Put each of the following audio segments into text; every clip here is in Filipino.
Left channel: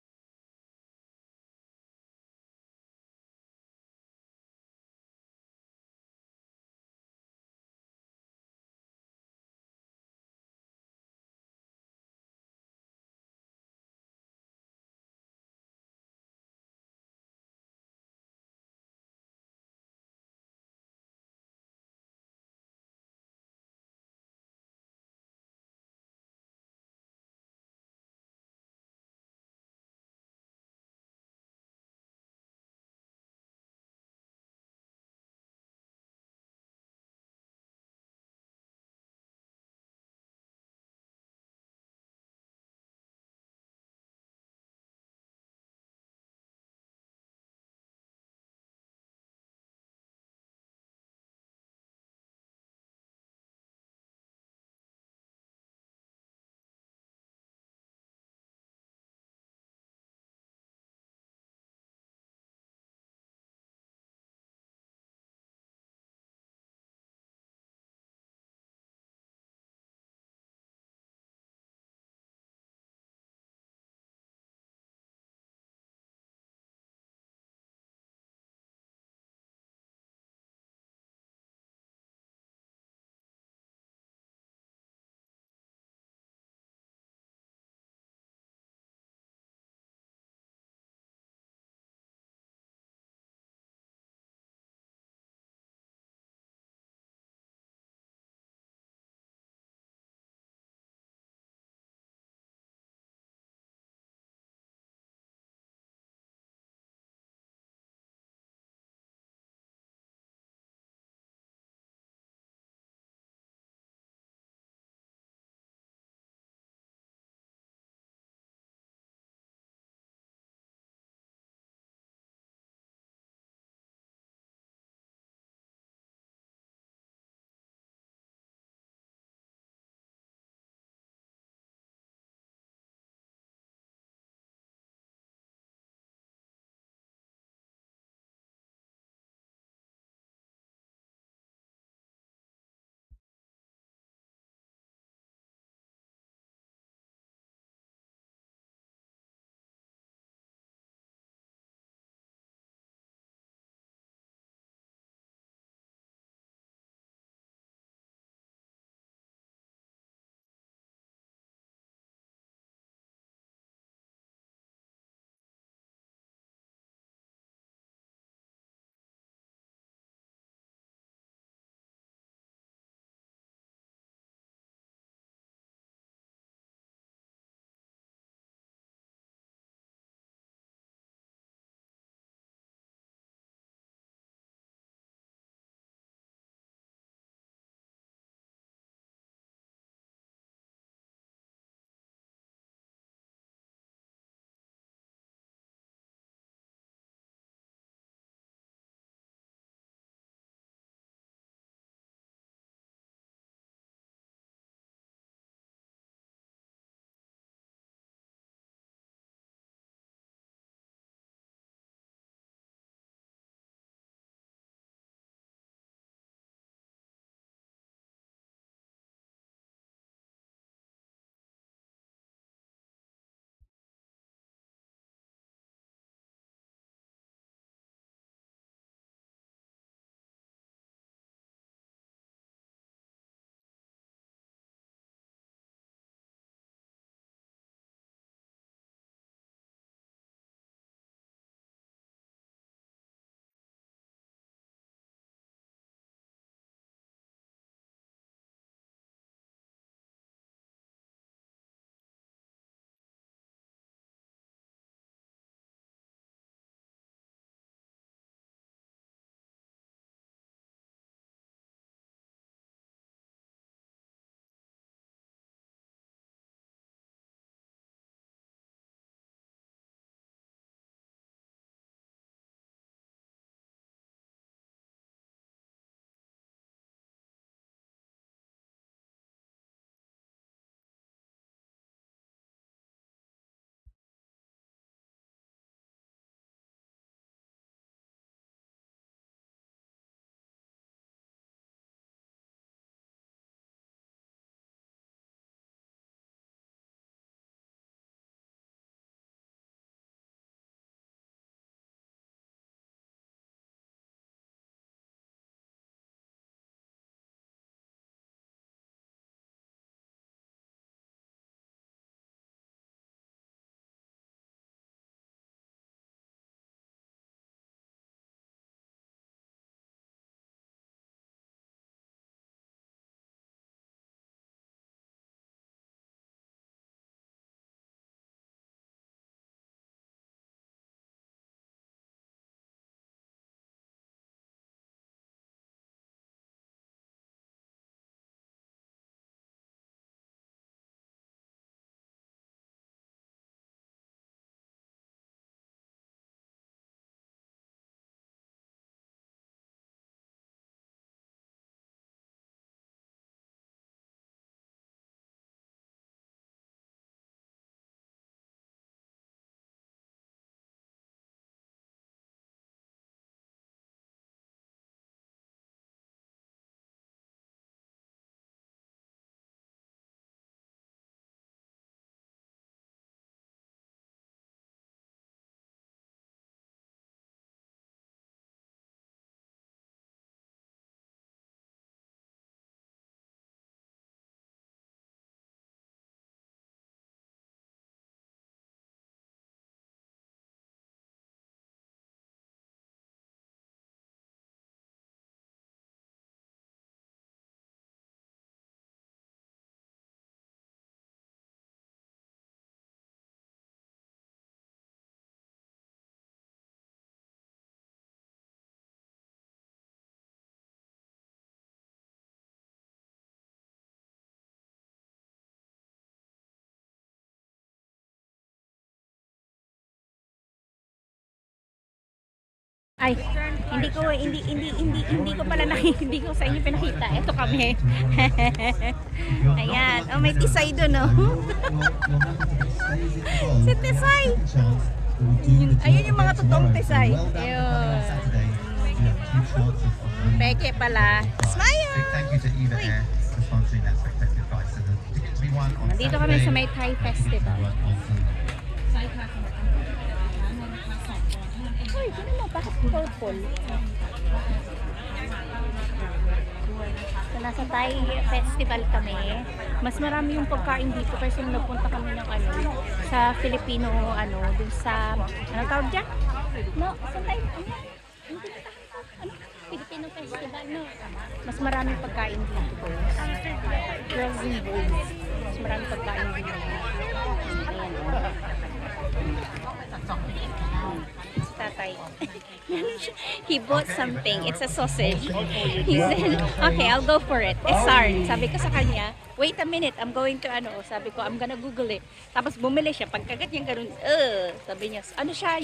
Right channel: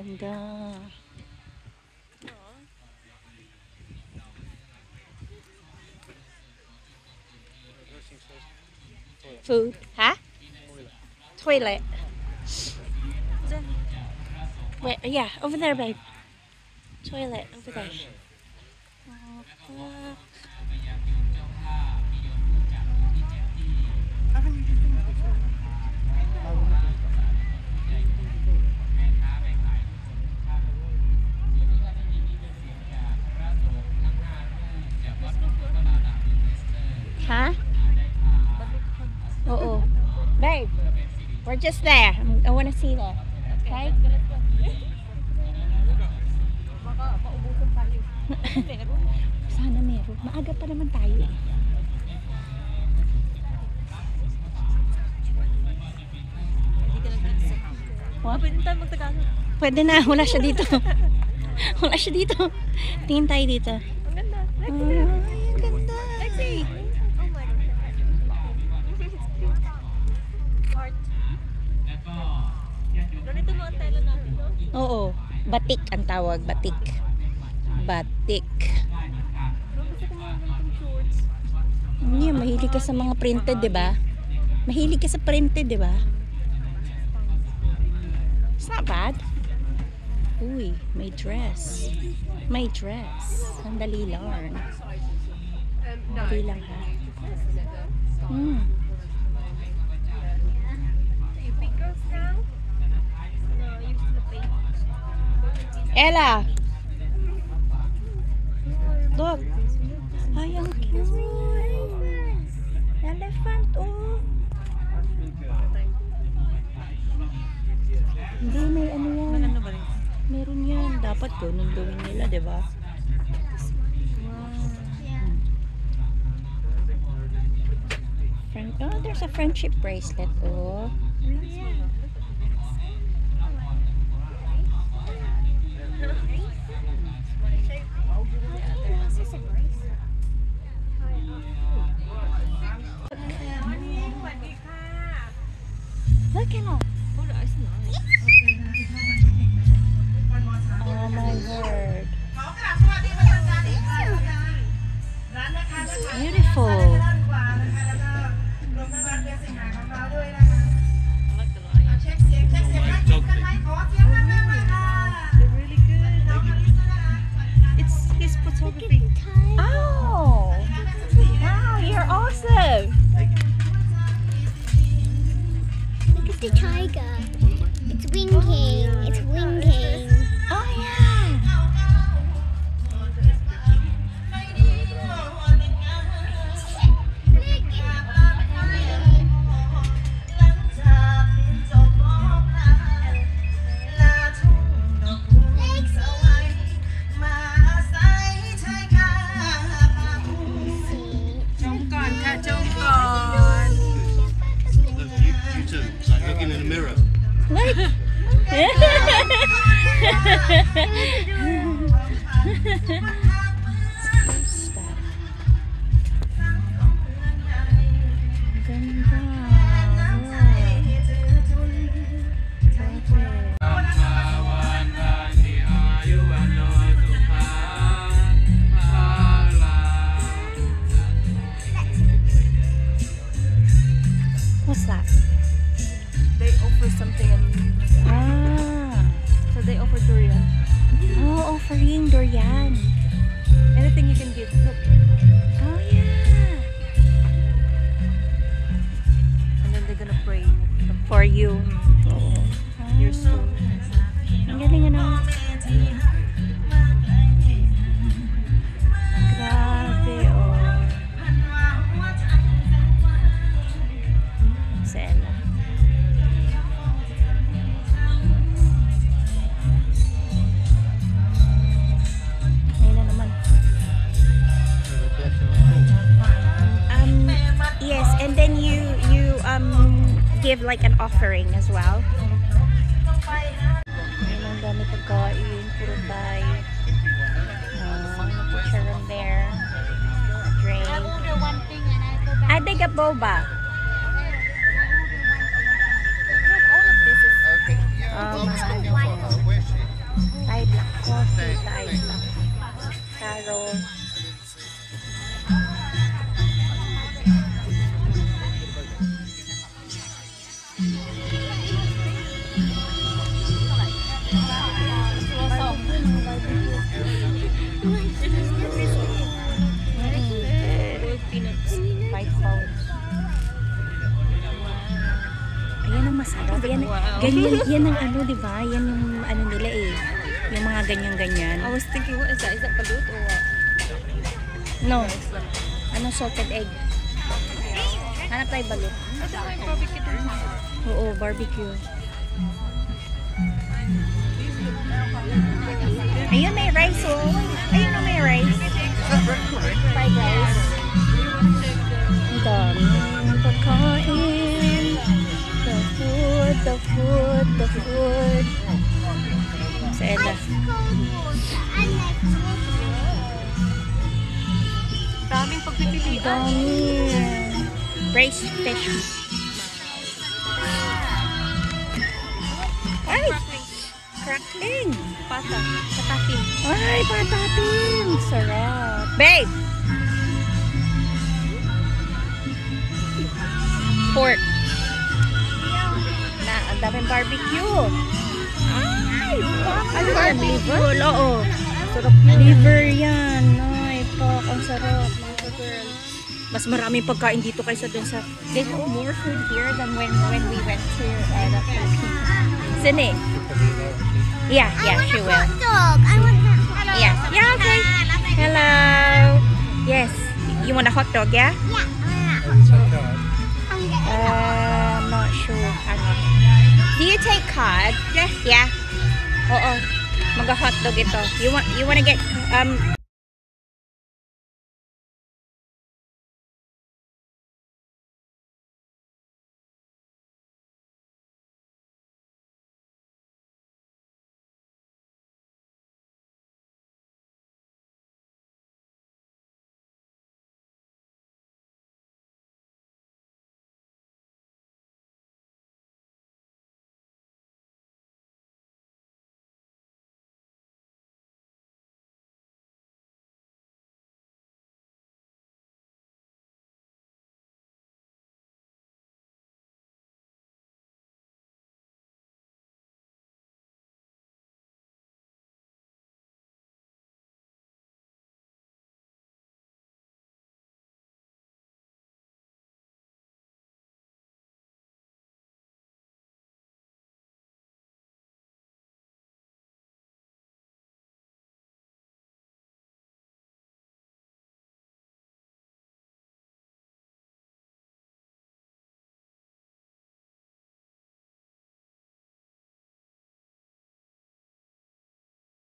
Ganda. Food. Ha? Toilet. Wait, yeah, over there, babe. Toilet, over there. Oh, fuck. Huh? Oo. Babe, we're just there. I wanna see that. Okay? Sana meron. Maaga pa naman tayo eh. What? Pwede tayo magtagalog. Pwede na. Wala siya dito. Wala siya dito. Tingin tayo dito. Ang ganda. Ay, ang ganda. Lexi! Oh my God. Art. Ganito mga tela natin, no? Oo. Batik ang tawag. Batik. Batik. Gusto ko mga ganitong shorts. Yeah, mahilig ka sa mga printed, di ba? Mahilig ka sa printed, di ba? It's not bad. Uy, may dress. May dress. Sandali lang. Sandali lang ha. Hmm. You pick girls now? No, you still pay. Ella! Look! Ay, ang cute! Elephant, oh! Hindi, may ano yan. Maganda ba rin? Meron yan. Dapat ganun gawin nila, di ba? Oh, there's a friendship bracelet, oh. Look at her. Oh, that's nice. Oh my word. It's beautiful. I like the lion. They're really good. It's his photography. Oh! Wow, you're awesome! Look at the tiger. It's winking. It's winking. Oh yeah! You too. Like looking in the mirror. Look! What's that? They offer something and Ah! so they offer durian. Oh, offering durian. Anything you can give. Look. Oh yeah! And then they're gonna pray. For you. Oo. Your soul. Ang galing ano? Grabe, oh. Si Ella. Ayun na naman. Yes, and then you give like an offering as well. Ayun ang dami pagkain, puro Thai. Chicharon there. Drink. I think a boba. All of this is Okay. Oh, I'm my still far away. Ganyan, yan ang ano, di ba? Yan yung ano nila eh. Yung mga ganyan-ganyan. I was thinking, what is that? Is that balut or what? No. Ano, salted egg. Hanap tayo balut. I don't like barbecue din. Oo, barbecue. Ayun, may rice oh. Ayun oh, may rice. Fried rice. Ang dami ng pagkain. The food, the food, the food. Sa Ella. Daming pagpipilian. Dami. Braised fish. Ay! Crackling! Pata. Patatin. Ay, patatin! Sarap. Babe! Pork. Na, ang daming barbecue. Ay, fuck. Ano yan? Liver? Oo. Sarap yun. Liver yan. Ay, fuck. Ang sarap. Mga girl. Mas maraming pagkain dito kaysa dun sa... They have more food here than when we went to the Philippines. Sine? Yeah, she will. Dog. I want that. Yeah, okay. Hello. Yes. You want a hot dog, yeah? I'm not sure. Hang on. Do you take card? Yes. Yeah. Oo. Mag-hot dog ito. You wanna get ay hindi ko pala hindi ko sa inyo pinakita. Ito kami. Ayan. Oh, may tisay doon, oh. Si Tisay. Ayun yung mga totoong Tisay. Ayun. Peke pala. Smile! Thank you to Eva Air for sponsoring that spectacular prize. So the tickets we won on Nandito kami sa may Thai Festival. Uy, gano'n mo, bakit purple? So, nasa Thai Festival kami. Mas marami yung pagkain dito kasi nung nagpunta kami ng ano, sa Filipino, ano, dun sa, ano tawag dyan? No, sa Thai, ano, Filipino Festival, no? Mas maraming pagkain dito, boys. Girls and boys. Mas maraming pagkain dito. Ayan, si tatay. He bought something. It's a sausage. He said, okay, I'll go for it. Sarn. Sabi ko sa kanya, wait a minute, I'm going to ano. Sabi ko, I'm gonna Google it. Tapos bumili siya. Pagkagat niya ganun, sabi niya, ano siya,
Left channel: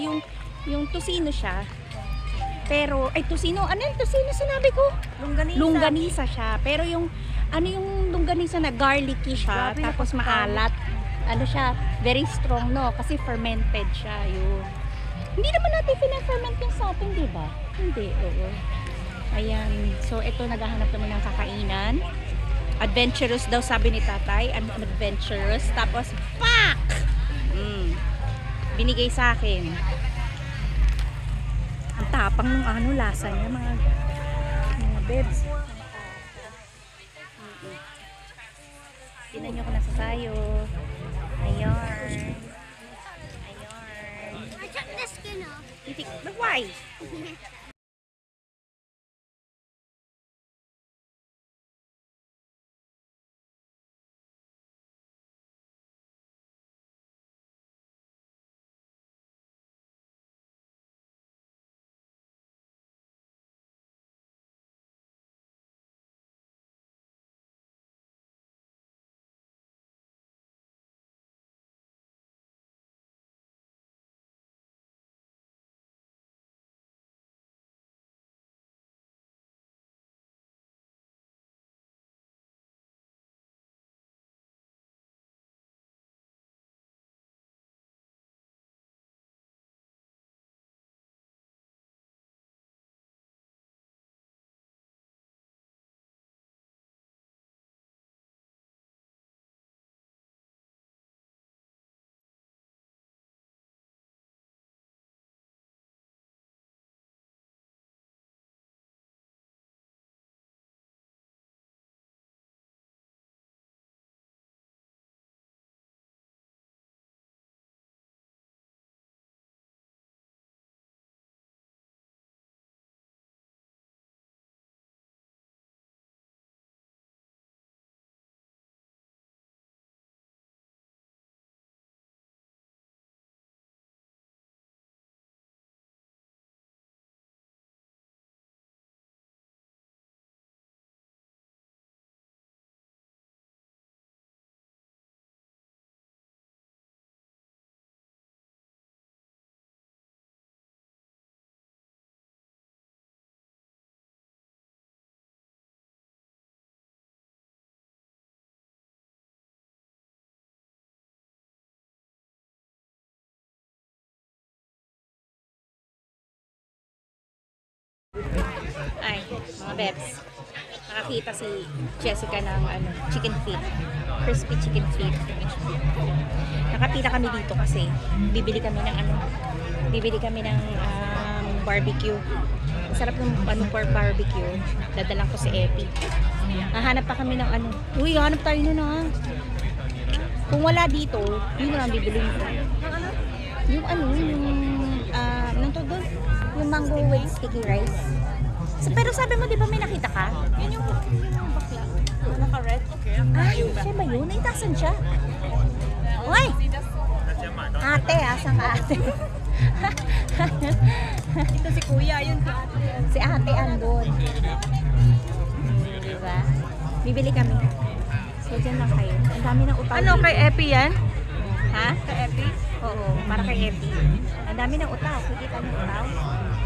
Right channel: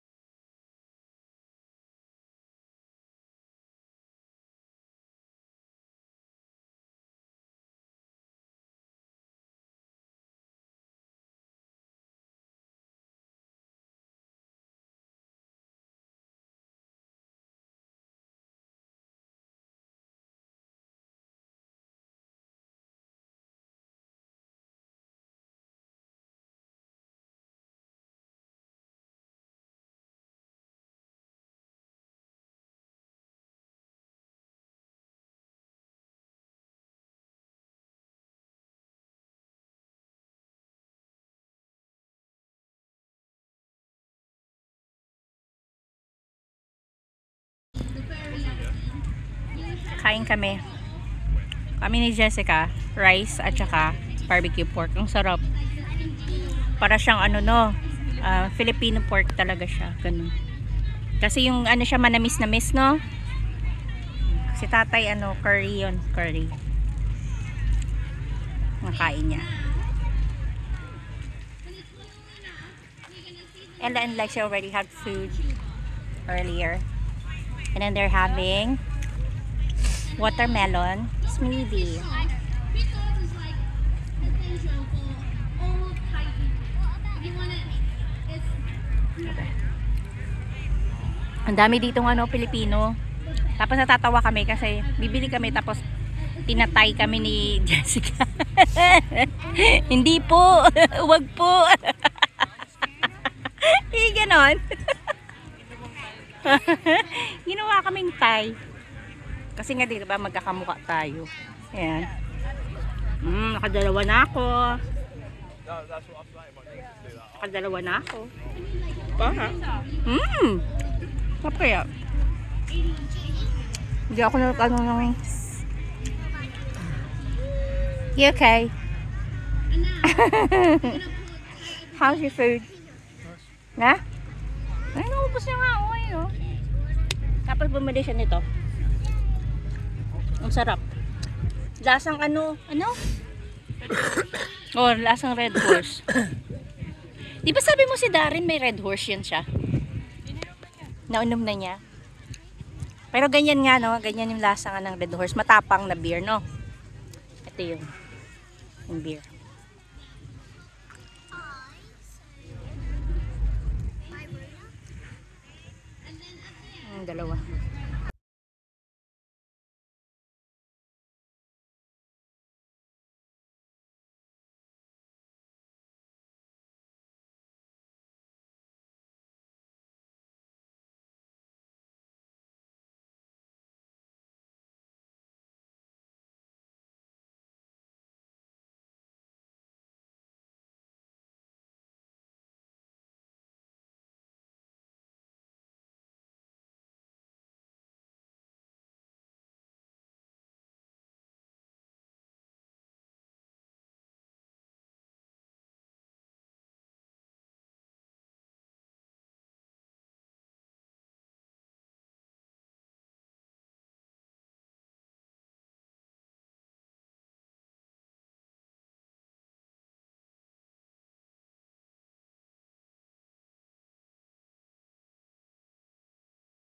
yung tusino siya. Pero, ay tusino, ano yung tusino sinabi ko? Longganisa. Longganisa siya. Pero yung, ano yung longganisa na garlicky siya, Grabe, tapos maalat. Ano siya, very strong, no? Kasi fermented siya, yun. Hindi naman natin pina-ferment yung sa atin, di ba? Hindi, oo. Ayan. So, ito, naghahanap naman ng kakainan. Adventurous daw, sabi ni tatay. Adventurous. Tapos, fuck! Binigay sa akin. Ang tapang ng ano, lasa niya, mga bebs. Tinan nyo ko nasa sayo. Ayan. I took the skin off. But why? Kain kami. Kami ni Jessica, rice at saka barbecue pork. Ang sarap. Para siyang ano no, Filipino pork talaga siya. Ganun. Kasi yung ano siya manamis-namis no. Si tatay ano, curry yun. Curry. Nakain niya. Ella and Lexi already had food earlier. And then they're having watermelon smoothie. Ang dami ditong ano, Pilipino. Tapos natatawa kami kasi bibili kami tapos tinatay kami ni Jessica. Hindi po. Wag po. Ganon. Ginawa kaming Thai. Kasi nga di ba magkakamukha tayo. Ayan. Nakadalawa na ako. Nakadalawa na ako. Apa kaya? Hindi ako nagtanong ng wings. You okay? How's your food? Na? Ay, naubos niya nga. Oh, ayun, oh. Tapos bumili siya nito. Ang sarap. Lasang ano? Oh, lasang Red Horse. Di ba sabi mo si Darin may Red Horse yan siya? Naunom na niya. Pero ganyan nga, no? Ganyan yung lasa nga ng Red Horse. Matapang na beer, no? Ito yung beer. Dalawa. Ay, mga bebs. Nakakita si Jessica ng chicken feet. Crispy chicken feet. Nakapila kami dito kasi bibili kami ng barbecue. Masarap ng for barbecue. Dadalang ko si Epi. Hahanap pa kami ng Uy, hanap tayo nun Kung wala dito, yun na lang bibiliin ko. Anong to doon? Yung mango with sticky rice. Pero sabi mo, di ba may nakita ka? Yan yung bakla. Naka-red. Ay, siya ba yun? Ay, tasan siya? Uy! Ate, asang ate? Ito si Kuya, yun si Ate. Si ate andun. Diba? Bibili kami. So, dyan lang kayo. Ang dami ng utaw. Ano, kay Epi yan? Ha? Kay Epi? Oo, para kay Epi. Ang dami ng utaw. Kikita niyo utaw?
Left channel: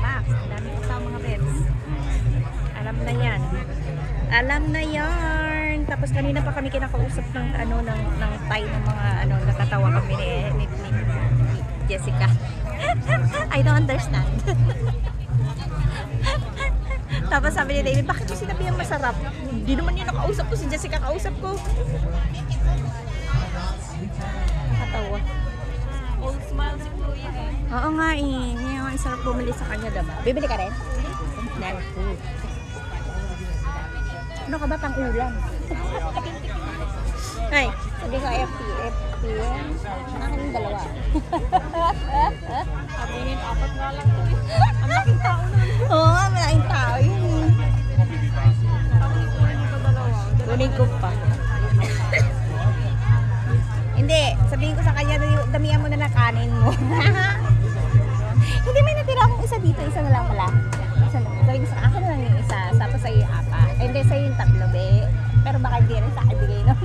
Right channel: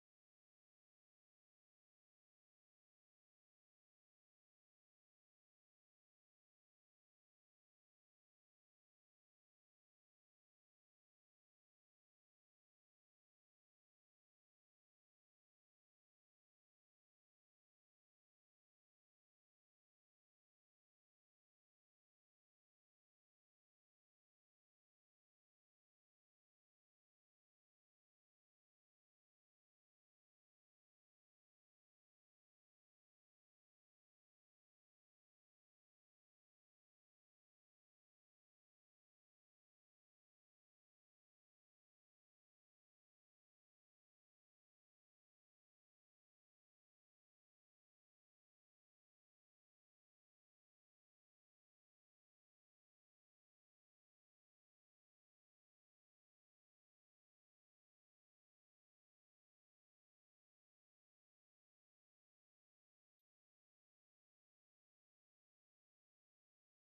Pak, ang dami ng utaw mga bebs. Alam na yan. Alam na yarn. Tapos kanina pa kami kinakausap ng ng Thai ng mga natatawa kami ni Jessica. I don't understand. Tapos sabi ni David, bakit mo sinabi yung masarap? Hindi naman yung nakausap ko, si Jessica kausap ko. Katawa. Old smile si Kuya eh. Oo nga eh. Yung sarap bumili sa kanya, diba? Bibili ka rin? Ano ka ba pang ulam? Ay, sabi ko FP yan. Akin yung dalawa. Sabihin, 4 nga lang to. Ang laking tao na. Oo nga, malaking tao yun eh. Kunin ko 2. Kunin ko pa. Hindi, sabihin ko sa kanya, damihan mo na ng kanin mo. Hindi, may natira akong isa dito, isa na lang pala. Isa na. Sabihin ko sa akin na lang yung isa, tapos sa'yo yung 4. Hindi, sa'yo yung 3, be. Pero baka hindi rin sa akin bigay no?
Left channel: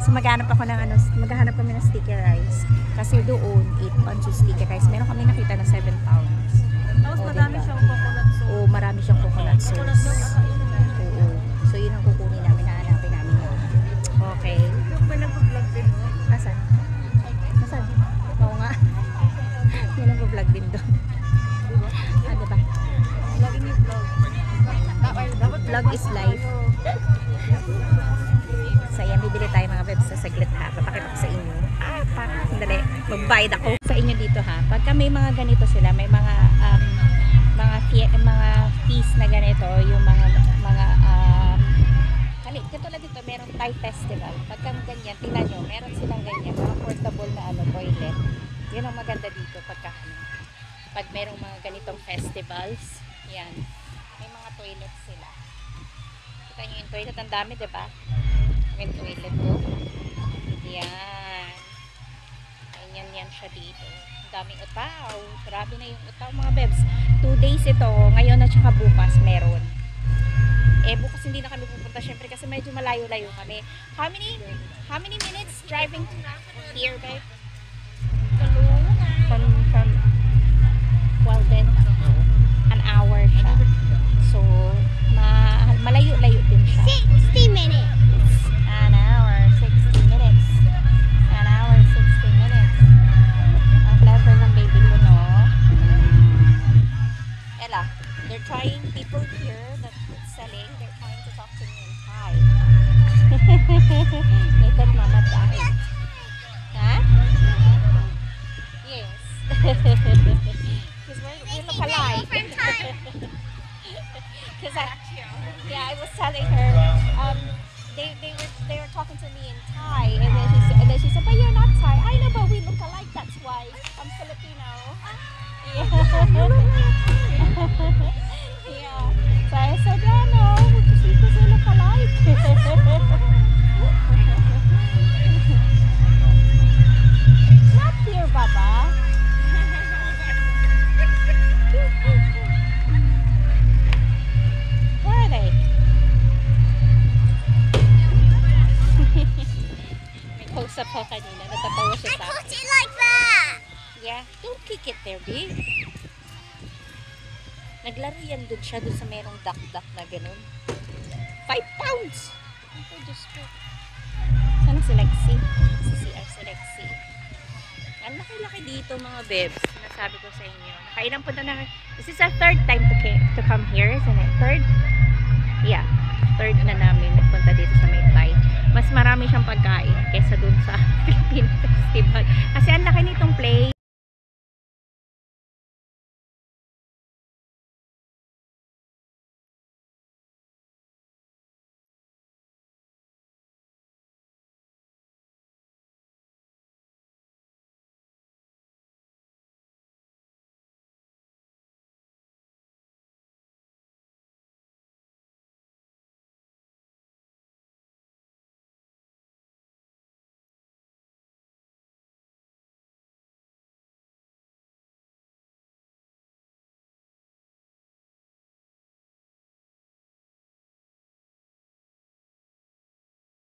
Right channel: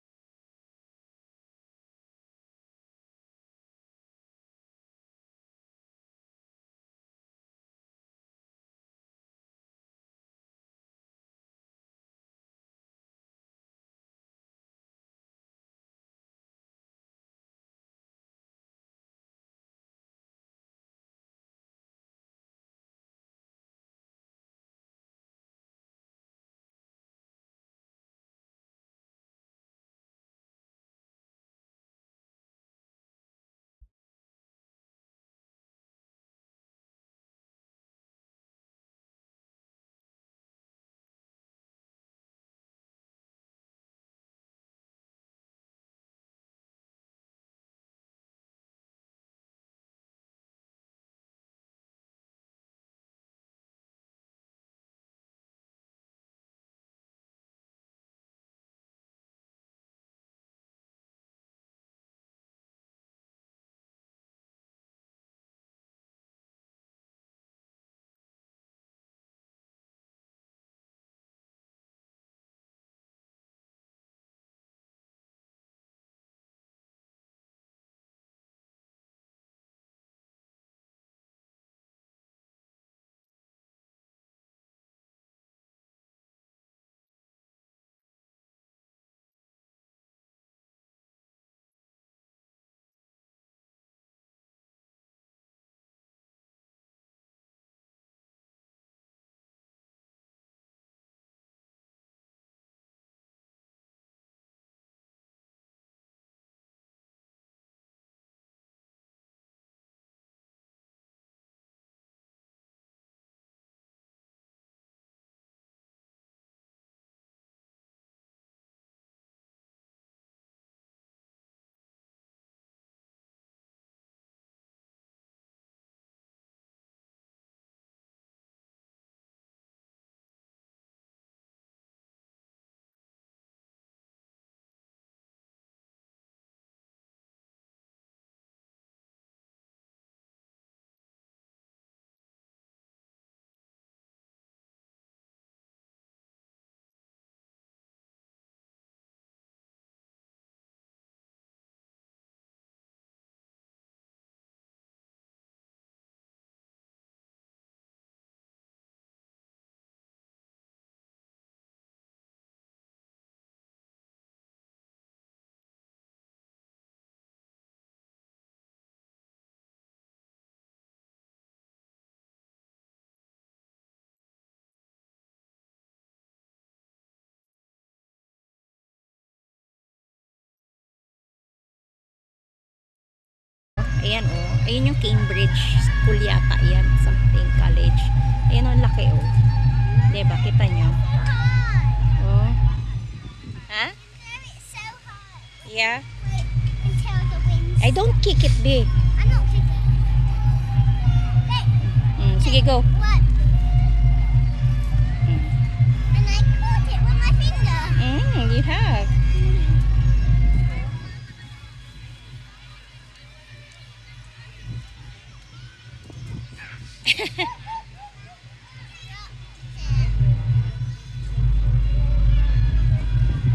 So maghanap ako ng maghanap kami ng sticky rice. Kasi doon, 8 pounds yung sticky rice. Meron kami nakita na 7 pounds. Tapos Oo, madami diba? siyang coconut sauce. Oo, marami siyang coconut sauce. Coconut milk ata yun. Oo. So yun ang kukunin namin, hahanapin namin yun. Okay. Yung pinag-vlog din mo. Asan? Asan? Oo nga. Yan ang vlog din doon. Diba? Lagi niyo vlog. Dapat Vlog is life. So yan, bibili tayo mga bebs sa saglit ha. Papakita ko sa inyo. Sandali. Magbayad ako sa inyo dito ha. Pagka may mga ganito sila, may mga feast na ganito, yung katulad dito, merong Thai festival. Pagka ganyan, tingnan nyo, meron silang ganyan, mga portable na toilet. Yun ang maganda dito pag merong mga ganitong festivals. Yan. May mga toilet sila. Kita nyo yung toilet, ang dami, diba? May toilet to. Yan. Yan siya dito. Ang daming utaw. Grabe na yung utaw mga bebs. 2 days ito. Ngayon at saka bukas meron. Bukas hindi na kami pupunta syempre kasi medyo malayo-layo kami. How many minutes driving here, babe? From well then an hour siya. So malayo-layo din siya. 60 minutes. An hour, 60 minutes. An hour, 60 minutes. Ang clever ng baby ko, no? Ella, they're trying, people here that's selling, they're trying to talk to me in Thai. Naked mama died. Ha? Yes. Because we look alike. Because I was telling her, they were talking to me in Thai, and then she said, but you're not Thai. I know, but we look alike. That's why I'm Filipino. Yeah. Yeah. So I said, yeah, no, because we look alike. there, babe. Naglaro yan dun siya, dun sa merong duck-duck na ganun. 5 pounds! Ako, Diyos ko. Sana si Lexi? Si CR si Lexi. Ang laki-laki dito mga bebs. Sinasabi ko sa inyo. Nakailang punta na. This is our third time to come here. Isn't it? Third? Yeah. Third na namin nagpunta dito sa Maytay. Mas marami siyang pagkain kaysa dun sa Philippine Festival. Kasi ang laki nitong play. Ayan oh. Ayun yung Cambridge School yata. Ayan. Something college. Ayan ang laki oh. Diba? Kita nyo? Oh. Ha? So hard. Yeah. Until the wind. I don't kick it, babe. I'm not kicking. Sige, go. What? And I caught it with my finger. You have.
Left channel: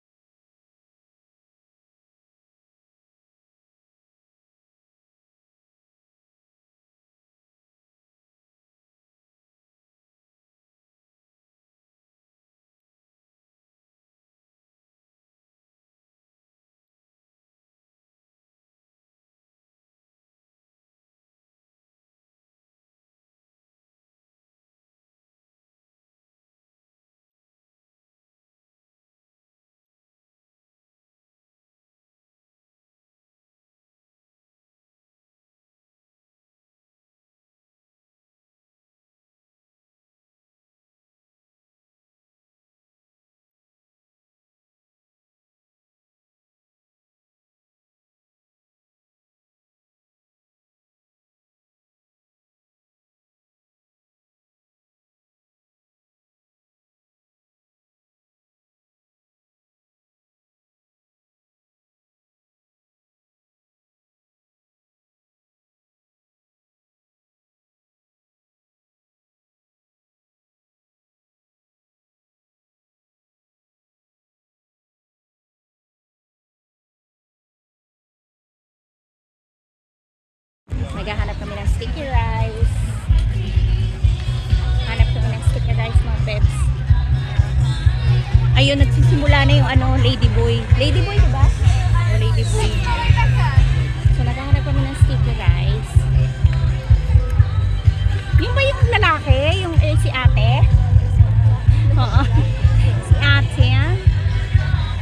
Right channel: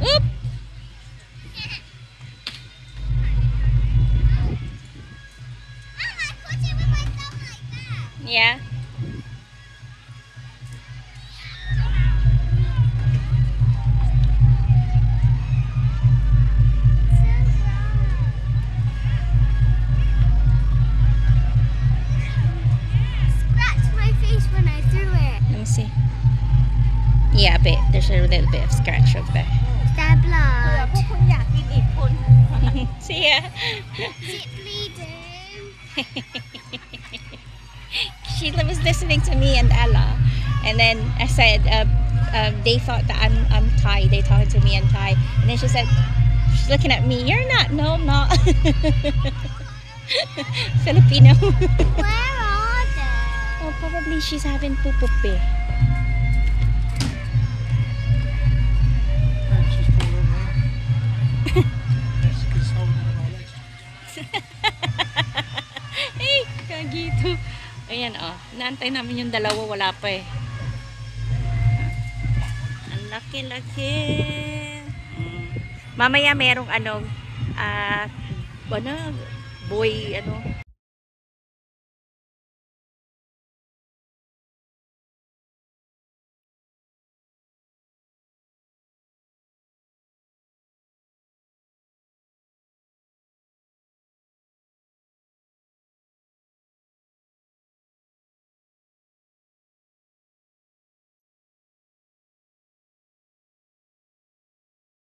Oop! Mom, I caught it with my thumb like that. Yeah. Scratched my face when I threw it. Let me see. Yeah, a bit. There's a little bit of scratch over there. That blood. See ya. Is it bleeding? She was listening to me and Ella, and then I said they thought that I'm Thai. They talking to me and Thai, and then she said she's looking at me. You're not. No, I'm not. Filipino. Where are they? Oh, probably she's having pupupi. Hey, kagito. Ayan oh, naantay namin yung dalawa, wala pa eh. Ang laki-laki. Mamaya merong boy, naghahanap kami ng sticky rice. Hanap kami ng sticky rice mga bebs. Ayun, nagsisimula na yung ladyboy. Ladyboy, diba? O, ladyboy. So, naghahanap kami ng sticky rice. Yung ba yung lalaki? Yung si ate? Oo. Si ate.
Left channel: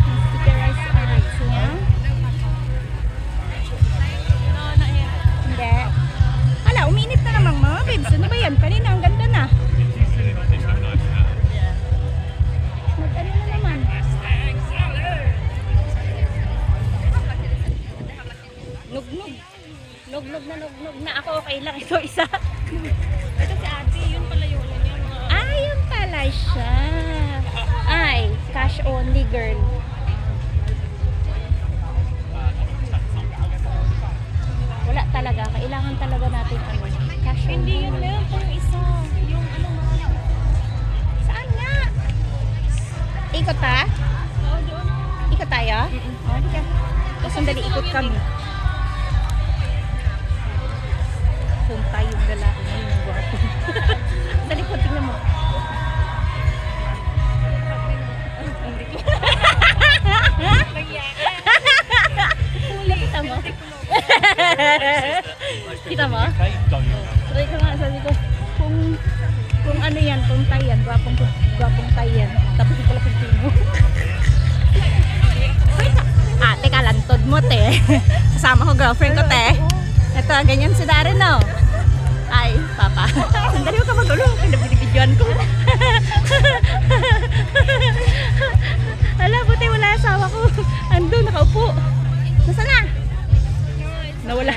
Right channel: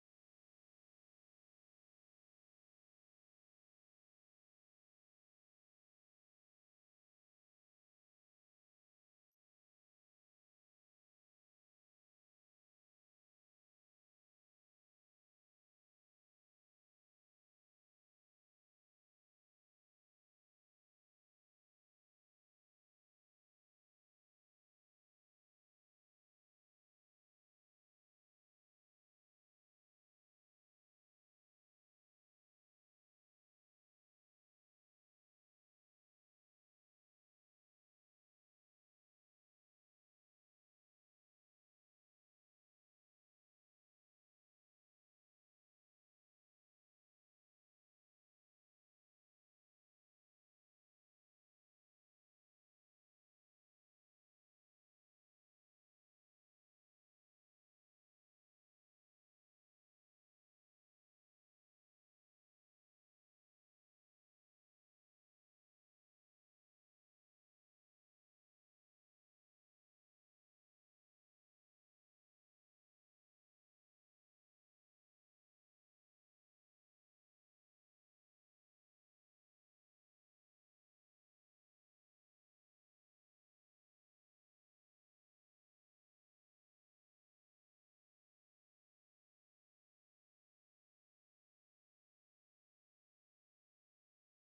Yung sticky rice niya. Hindi. Hala, uminit na naman mga babes. Ano ba yan? Kanina, ang ganda na. Mag-ano na naman. Nugnog. Nugnog na ako. Okay lang. Ito isa. Ito si ate. Yun pala yun. Yun pala siya. Ay, cash only girl. Wala talaga. Kailangan talaga natin cash only. Hindi yun lang. Yung isa. Yung saan nga? Ikot ha? Oo, doon. Ikot tayo? Oo, di ka. Tapos sandali, ikot kami. Punta yung lalaki na yung gwapo. Sa likod, tingnan mo. Kita mo? Kita mo? Sabi ko nga, sabi ko, kung ano yan, kung Thai yan, gwapong Thai yan. Tapos ito lang Pilipino. Teka, lantod mo, te. Kasama ko girlfriend ko, te. Ito, ganyan si Darren, no? Ay, papa. Sandali mo ka magulo. Pinabinibidyoan ko. Ala, buti wala asawa ko. Ando, nakaupo. Nasaan na? Nawala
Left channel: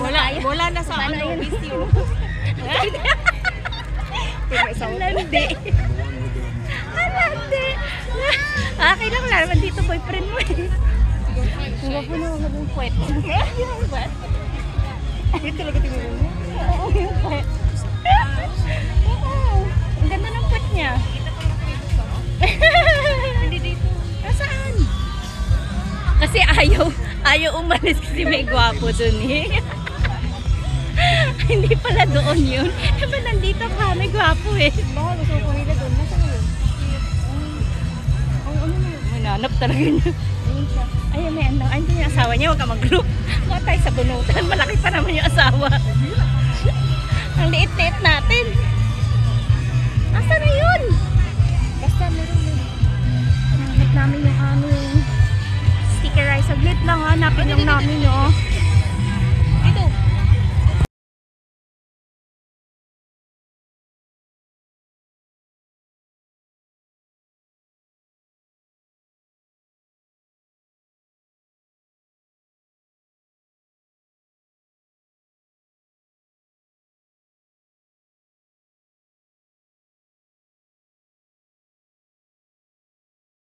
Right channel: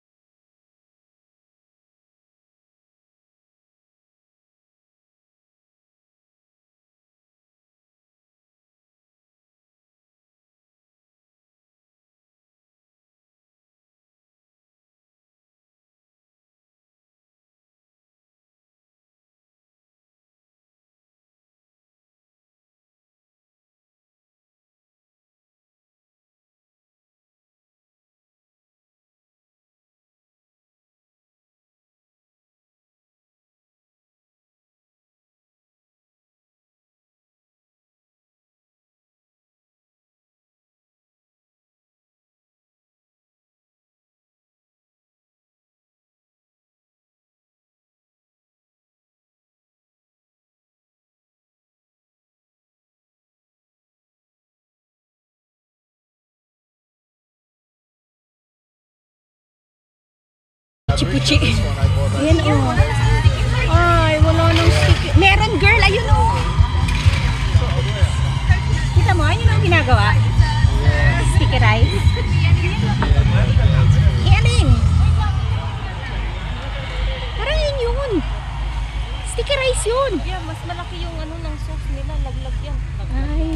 na tayo. Wala na sa with you. Alandi. Okay lang, wala naman dito boyfriend mo eh. Huwag mo na maging puwet. Yung puwet. Yun talaga tingin mo? Oo, yung puwet. Ang ganda ng puwet niya. Hindi dito. Nasaan? Kasi ayaw umalis kasi may gwapo dun eh. Hindi pala doon yun. Diba nandito ka? May gwapo eh. Baka gusto ko nila doon. Nasa ngayon? Ang ano na, mananap talaga niya. Ayun, may ano. Ayun yung asawa niya, huwag ka mag-group. Huwag tayo sa bunutan. Malaki pa naman yung asawa. Ang liit-liit natin. Asa na yun? Basta meron yun. Hanap namin yung aming stickerize. Saglit lang ha. Hanapin lang namin oh. Dito. Puchi-puchi. Ayan oh. Ay, wala nang sticker. Meron girl, ayun oh. Kita mo, ayun ang ginagawa. Stickerize. Alin? Parang yun yun. Stickerize yun. Yeah, mas malaki yung ano ng sauce nila. Laglag yan. Ay.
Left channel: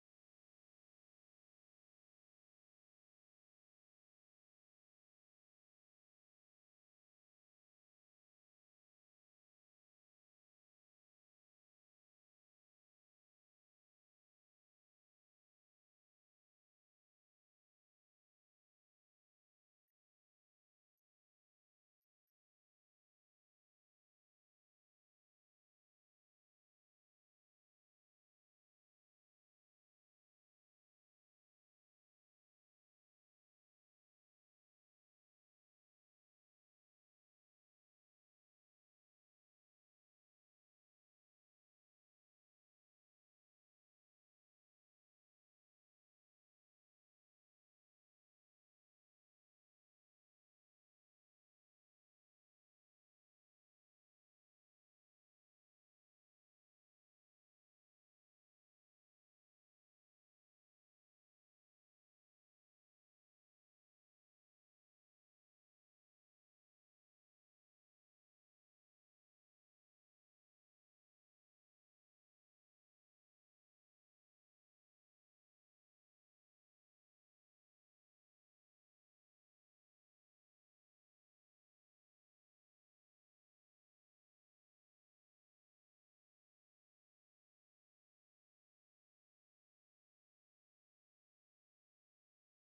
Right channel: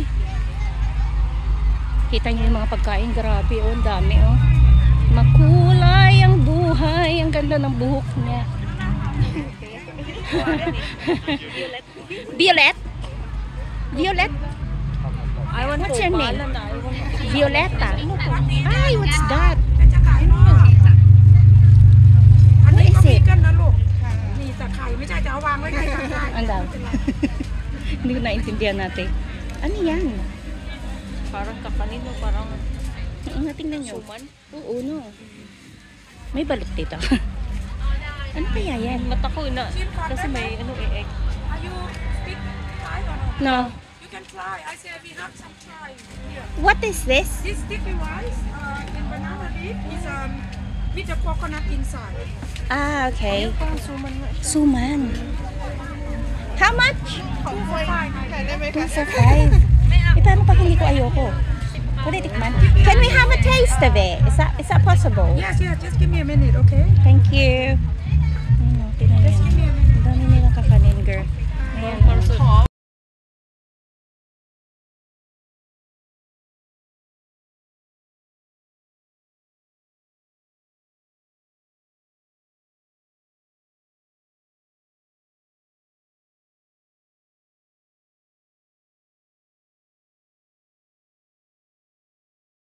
Kita niyo yung mga pagkain. Grabe oh, ang dami oh. Makulay ang buhay. Ang ganda ng buhok niya. Violet? Violet? I want What's to. your name? Bahala na. I want to. Violetta. Ay, what's that? อันนี้ What is เขามี it? กันนะลูก นี่แต่ไข่ไม่ใช่จะเอาวางไว้ไข่กันได้ Ang daw. Hindi ko naintindihan natin. Ano yan? Parang kakanino, parang Oo nga, tingnan nyo. suman. Oo, no. May balot dito. Ano kaya yan? Mata ko na. Kasi may ano egg. Are you speak Thai or no? No. You can try. I say we have some Thai here. What is this? This sticky rice in banana leaf is with the coconut inside. Ah, okay. Parang suman nga siya. Suman. How much? 2 2 for 5. Eh, paano pag hindi ko ayoko? Pwede tikman. Can we have a taste of it? Is that possible? Yes, yes. Just give me a minute, okay? Thank you. Ayun, oh, tingnan Just niyo. give me a minute. Ang dami nilang kakanin, girl. Ayan, oh.